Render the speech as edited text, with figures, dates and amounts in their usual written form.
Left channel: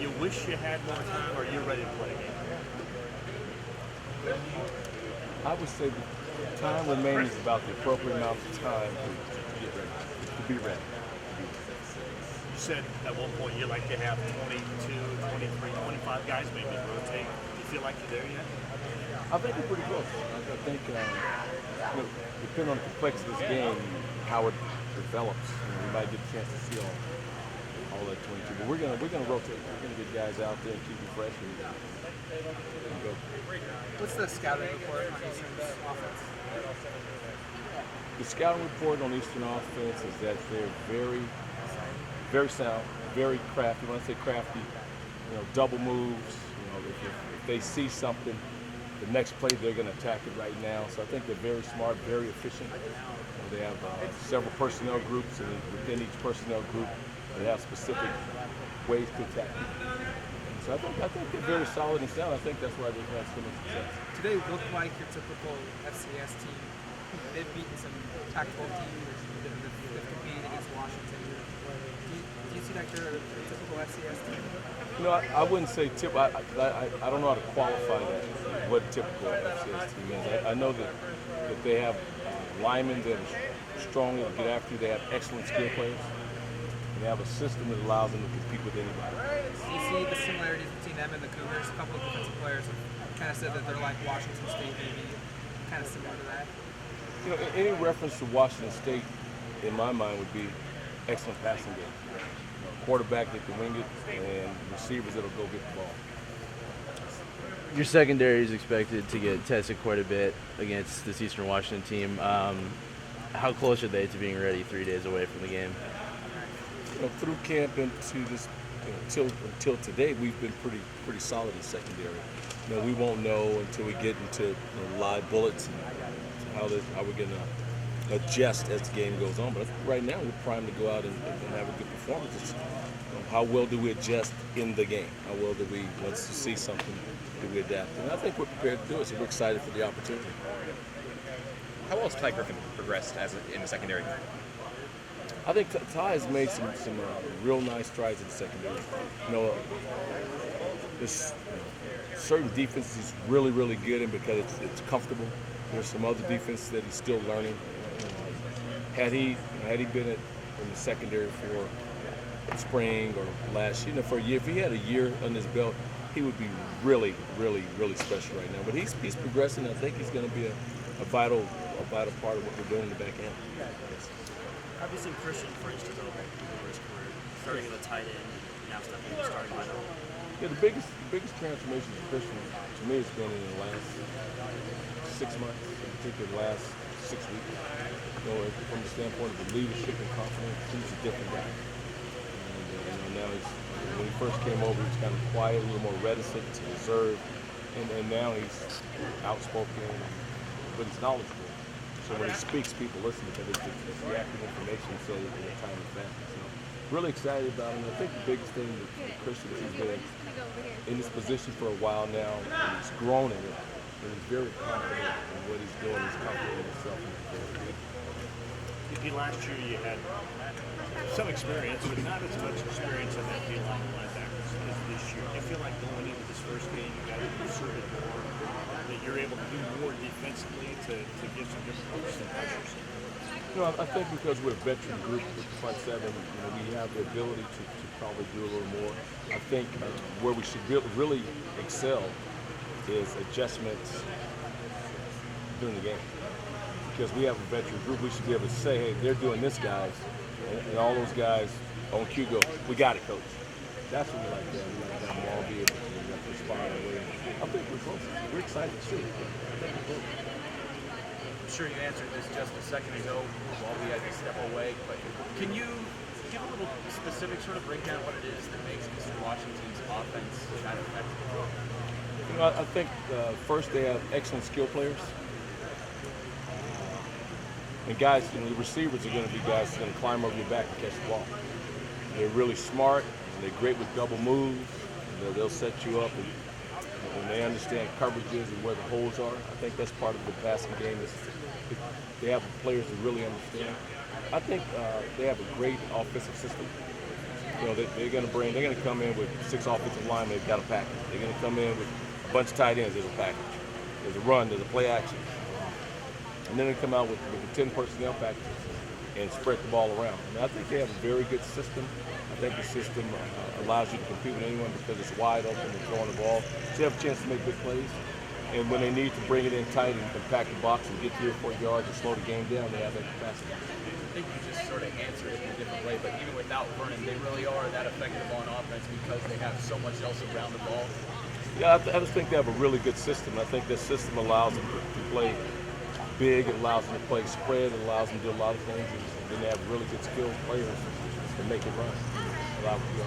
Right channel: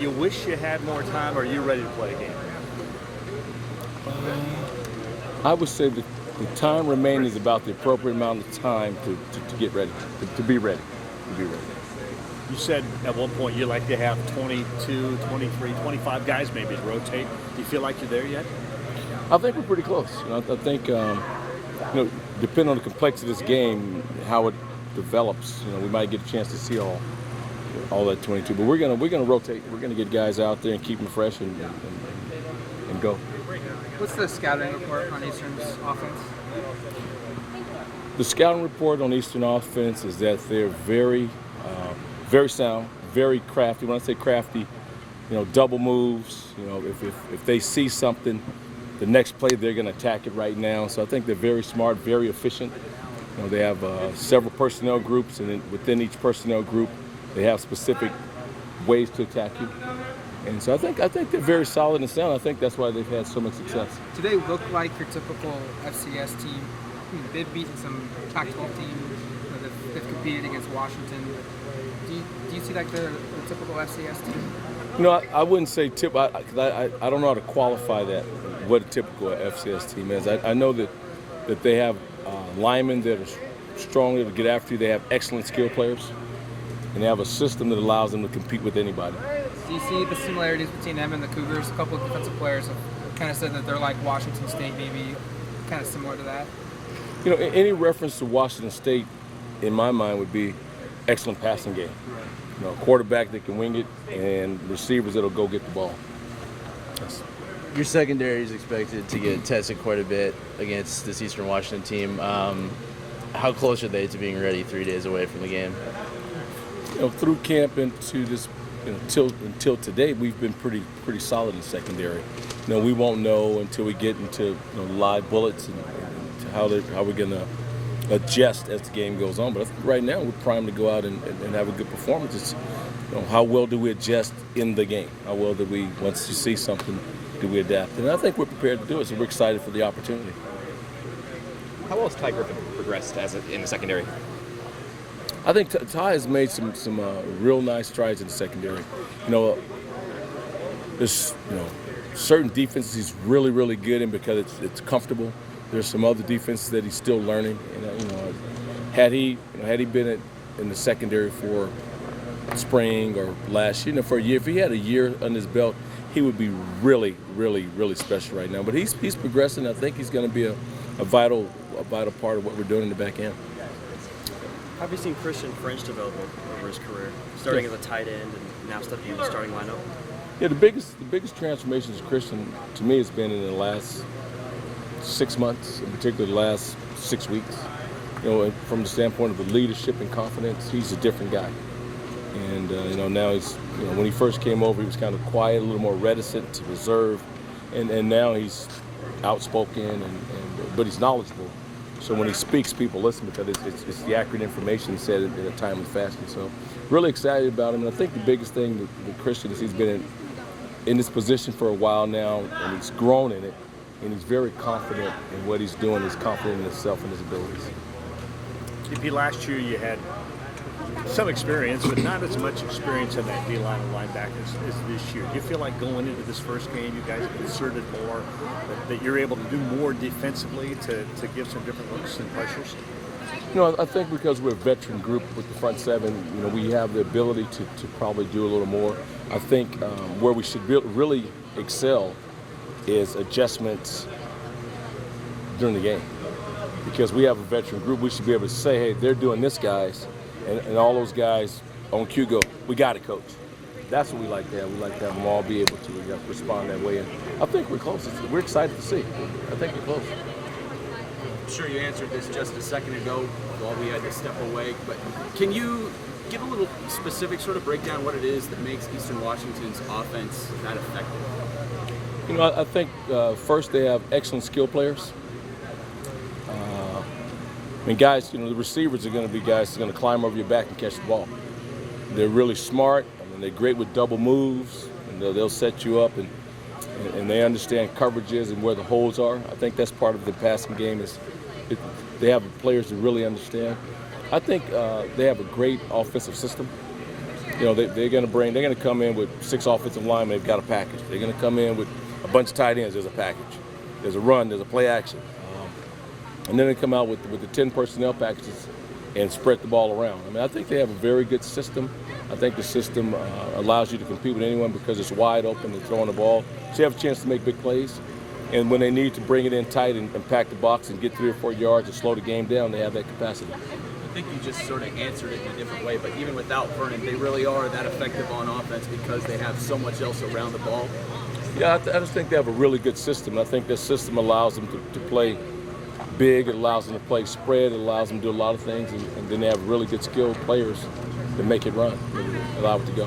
You wish you had more time, or are you ready to play a game? I would say that the time remaining is about the appropriate amount of time to get ready, to be ready, to be ready. You said at one point you like to have 22, 23, 25 guys maybe to rotate. Do you feel like you're there yet? I think we're pretty close. I think, depending on the complexity of this game, how it develops, we might get a chance to see all that 22. But we're gonna rotate. We're gonna get guys out there and keep them fresh and go. What's the scouting report on Eastern's offense? The scouting report on Eastern offense is that they're very, very sound, very crafty. When I say crafty, double moves. If they see something, the next play they're going to attack it right now. So I think they're very smart, very efficient. They have several personnel groups, and within each personnel group, they have specific ways to attack you. And so I think they're very solid and sound. I think that's why they've had so much success. Do they look like your typical FCS team? They've beaten some Pac-12 teams. They've competed against Washington. Do you see like the typical FCS team? I wouldn't say tip. I don't know how to qualify that. What a typical FCS team is. I know that they have linemen that are strong to get after you. They have excellent skill players, and they have a system that allows them to compete with anybody. Do you see the similarities between them and the Cougars? A couple of defensive players have kind of said that they're like Washington State, maybe kind of similar to that. Any reference to Washington State, in my mind, would be excellent passing game. A quarterback that can wing it and receivers that'll go get the ball. Your secondary is expected to get tested quite a bit against this Eastern Washington team. How close are they to being ready 3 days away from the game? Through camp into this, until today, we've been pretty solid in secondary. We won't know until we get into live bullets and how we're going to adjust as the game goes on. But I think right now we're primed to go out and have a good performance. It's, how well do we adjust in the game? How well do we, once you see something, do we adapt? And I think we're prepared to do it, so we're excited for the opportunity. How well has Ty Griffin progressed in the secondary? I think Ty has made some real nice strides in the secondary. There's certain defenses he's really, really good in because it's comfortable. There's some other defenses that he's still learning. Had he been in the secondary for spring or last year, for a year, if he had a year under his belt, he would be really, really, really special right now. But he's progressing. I think he's going to be a vital part of what we're doing in the back end. How have you seen Christian French develop over his career, starting as a tight end and now stepping in the starting lineup? Yeah, the biggest transformations of Christian to me has been in the last 6 months, in particular the last 6 weeks. From the standpoint of the leadership and confidence, he's a different guy. And now he's, when he first came over, he was kind of quiet, a little more reticent, reserved, and now he's outspoken, but he's knowledgeable. So when he speaks, people listen because it's the accurate information said in a timely fashion. So really excited about him. And I think the biggest thing with Christian is he's been in this position for a while now, and he's grown in it, and he's very confident in what he's doing. He's confident in himself and his abilities. TP, last year you had some experience, but not as much experience in that D-line and linebackers as this year. Do you feel like going into this first game, you guys have inserted more, that you're able to do more defensively to give some different looks and pressures? I think because we're a veteran group with the front seven, we have the ability to probably do a little more. I think where we should really excel is adjustments during the game. Because we have a veteran group, we should be able to say, hey, they're doing this, guys, and all those guys on cue go, we got it, coach. That's what we like to have. We like to have them all be able to respond that way. And I think we're close. We're excited to see. I think we're close. I'm sure you answered this just a second ago while we had to step away, but can you give a little specific sort of breakdown what it is that makes Eastern Washington's offense that effective? I think first they have excellent skill players. Guys, the receivers are going to be guys that's going to climb over your back and catch the ball. They're really smart. They're great with double moves. They'll set you up, and they understand coverages and where the holes are. I think that's part of the passing game. They have players who really understand. I think they have a great offensive system. You know, they're going to come in with 6 offensive linemen. They've got a package. They're going to come in with a bunch of tight ends. There's a package. There's a run. There's a play action. And then they come out with the 10 personnel packages and spread the ball around. I mean, I think they have a very good system. I think the system allows you to compete with anyone because it's wide open and throwing the ball. So you have a chance to make big plays. And when they need to bring it in tight and pack the box and get 3 or 4 yards and slow the game down, they have that capacity. I think you just sort of answered it in a different way, but even without Vernon, they really are that effective on offense because they have so much else around the ball. Yeah, I just think they have a really good system. I think this system allows them to play big, it allows them to play spread, it allows them to do a lot of things, and then they have really good skilled players to make it run, allow it to go.